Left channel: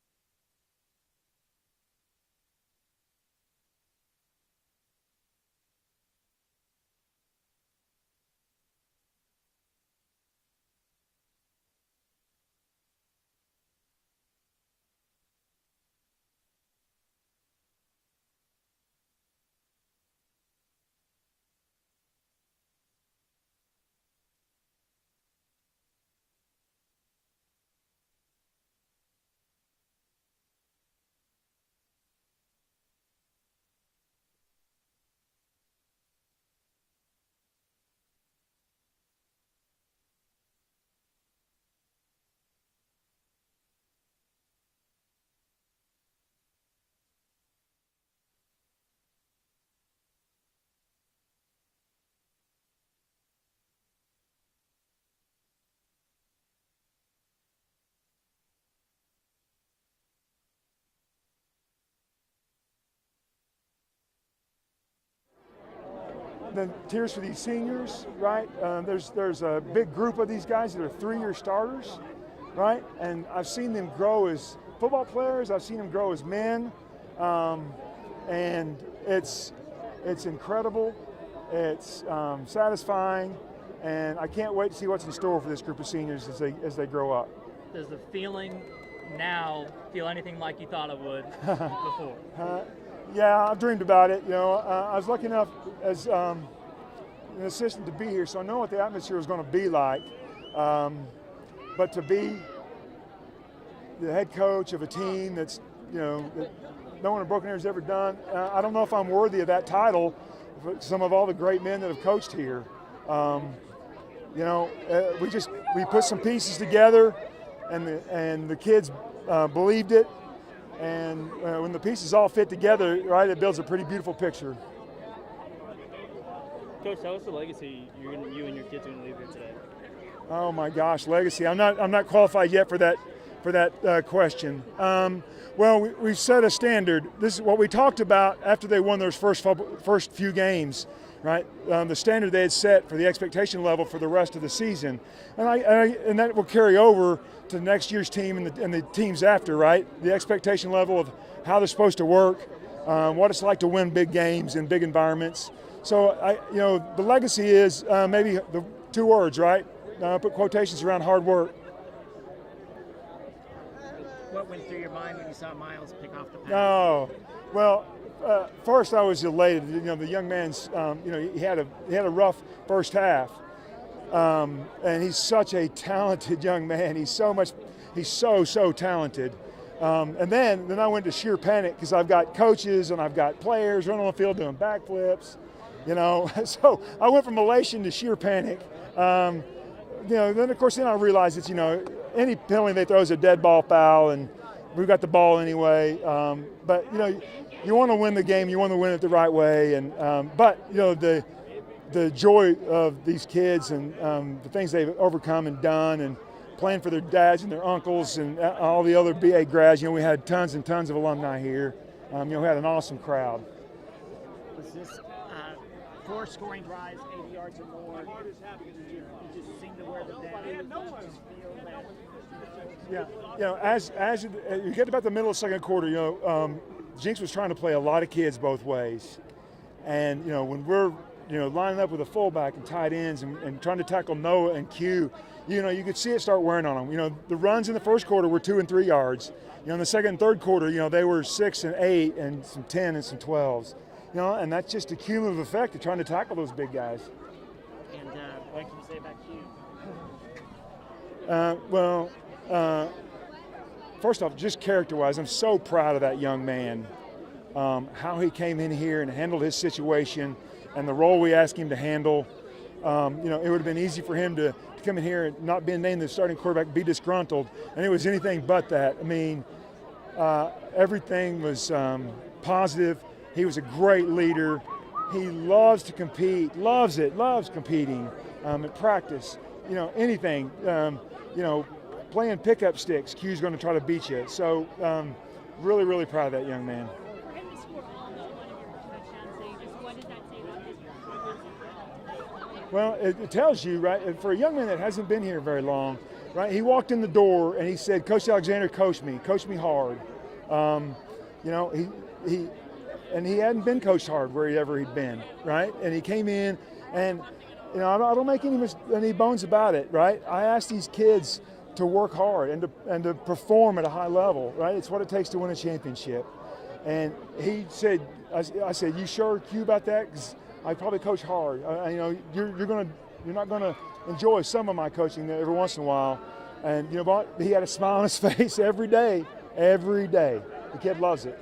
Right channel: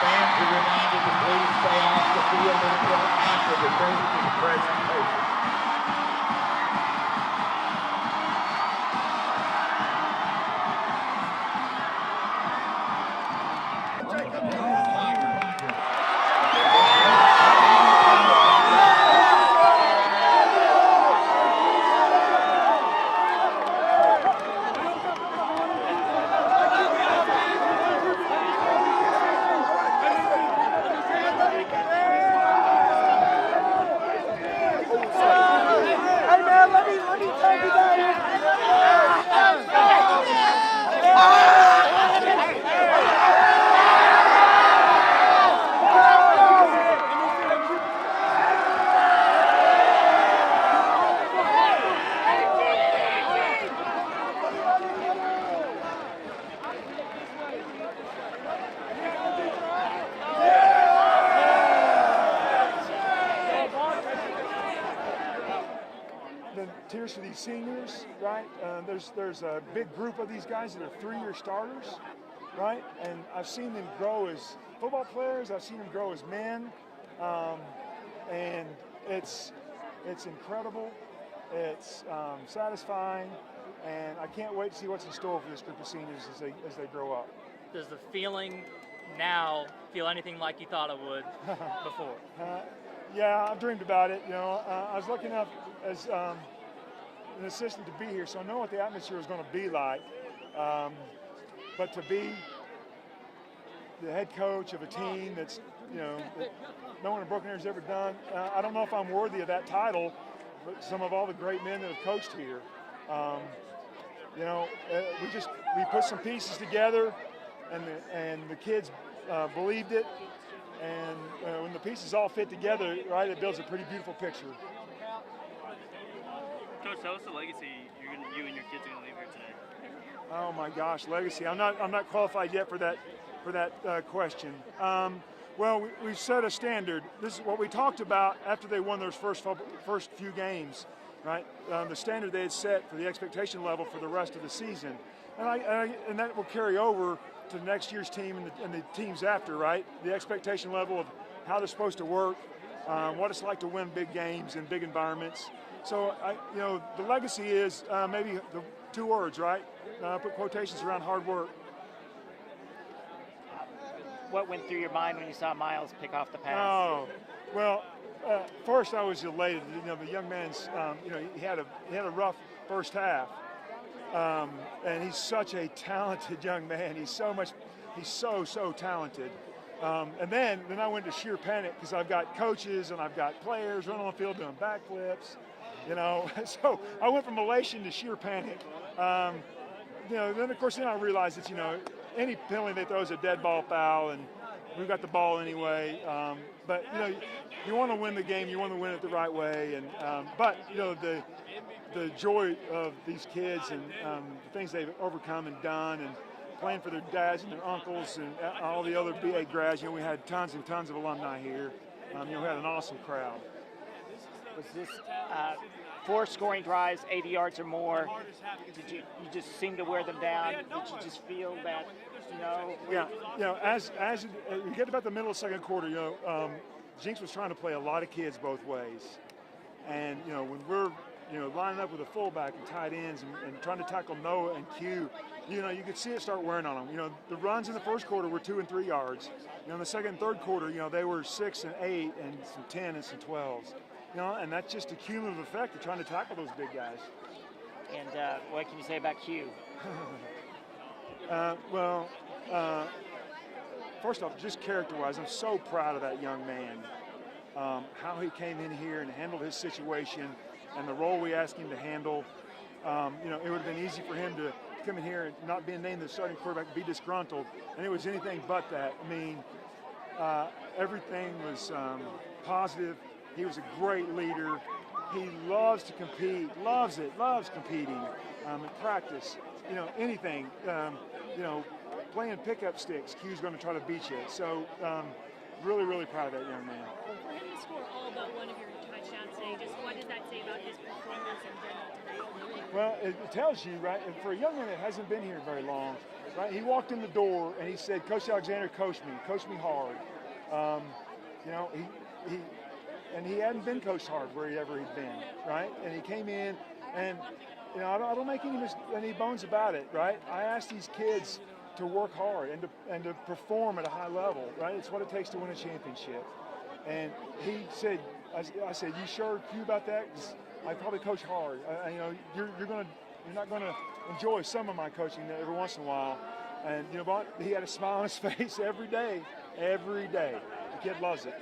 Fans are reminded to please stay off the field until after the presentation. The tears for these seniors, right? There's a big group of these guys that are three-year starters, right? And I've seen them grow as football players. I've seen them grow as men, and it's incredible. It's satisfying, and I can't wait to see what's in store for this group of seniors as they grow up. Does the feeling now feel anything like you thought it would before? Yeah, I've dreamed about it. You know, I was lucky enough as an assistant to be here, so I know what the atmosphere is going to be like. But to be the head coach of a team that's, you know, that no one in Broken Arrow has ever done, I don't know if I'm worthy of that title. Some of all the great men that have coached here. You know, we put some pieces together, and the kids believed it. And when the pieces all fit together, right, it builds a pretty beautiful picture. Coach, tell us the legacy you and your kids are going to leave here today. Oh my gosh, legacy! I'm not qualified yet for that question. Well, we've set a standard. This is what we talked about after they won their first few games, right? The standard they had set for the expectation level for the rest of the season, and that will carry over to next year's team and the teams after, right? The expectation level of how they're supposed to work, what it's like to win big games in big environments. So, the legacy is maybe the two words, right? Put quotations around hard work. What went through your mind when you saw Miles pick off the pass? Oh, well, first I was elated. You know, the young man's, he had a rough first half. And he's such a talented young man. He's so talented. And then I went to sheer panic because I've got coaches and I've got players running on the field doing backflips, you know. So I went from elation to sheer panic. Then of course I realized it's, any penalty they throw is a dead ball foul, and we've got the ball anyway. But you want to win the game, you want to win it the right way, and the joy of these kids and the things they've overcome and done, and playing for their dads and their uncles and all the other BA grads. We had tons and tons of alumni here. We had an awesome crowd. For 4 scoring drives, 80 yards or more. Did you just seem to wear them down? Did you just feel that, Yeah, as you get about the middle of the second quarter, Jinx was trying to play a lot of kids both ways. And, when we're, lining up with a fullback and tight ends and trying to tackle Noah and Q, you could see it start wearing on them. The runs in the first quarter were 2 and 3 yards. In the second and third quarter, they were 6 and 8 and some 10 and some 12s. And that's just a cumulative effect of trying to tackle those big guys. And what can you say about Q? First off, just character-wise, I'm so proud of that young man. How he came in here and handled his situation and the role we asked him to handle. It would have been easy for him to come in here and not being named the starting quarterback, be disgruntled, and it was anything but that. I mean, everything was positive. He was a great leader. He loves to compete, loves competing at practice. Anything. Playing pickup sticks, Q's going to try to beat you. So, really, really proud of that young man. For him to score all but one of your touchdowns today, just what does that say about his performance? Well, it tells you, right, for a young man that hasn't been here very long, right, he walked in the door and he said, Coach Alexander, coach me hard. He hadn't been coached hard wherever he'd been, right? And he came in and, I don't make any bones about it, right? I asked these kids to work hard and to perform at a high level, right? It's what it takes to win a championship. And he said, I said, you sure, Q, about that? Because I probably coach hard. You're not gonna enjoy some of my coaching every once in a while. And you know what? He had a smile on his face every day. The kid loves it.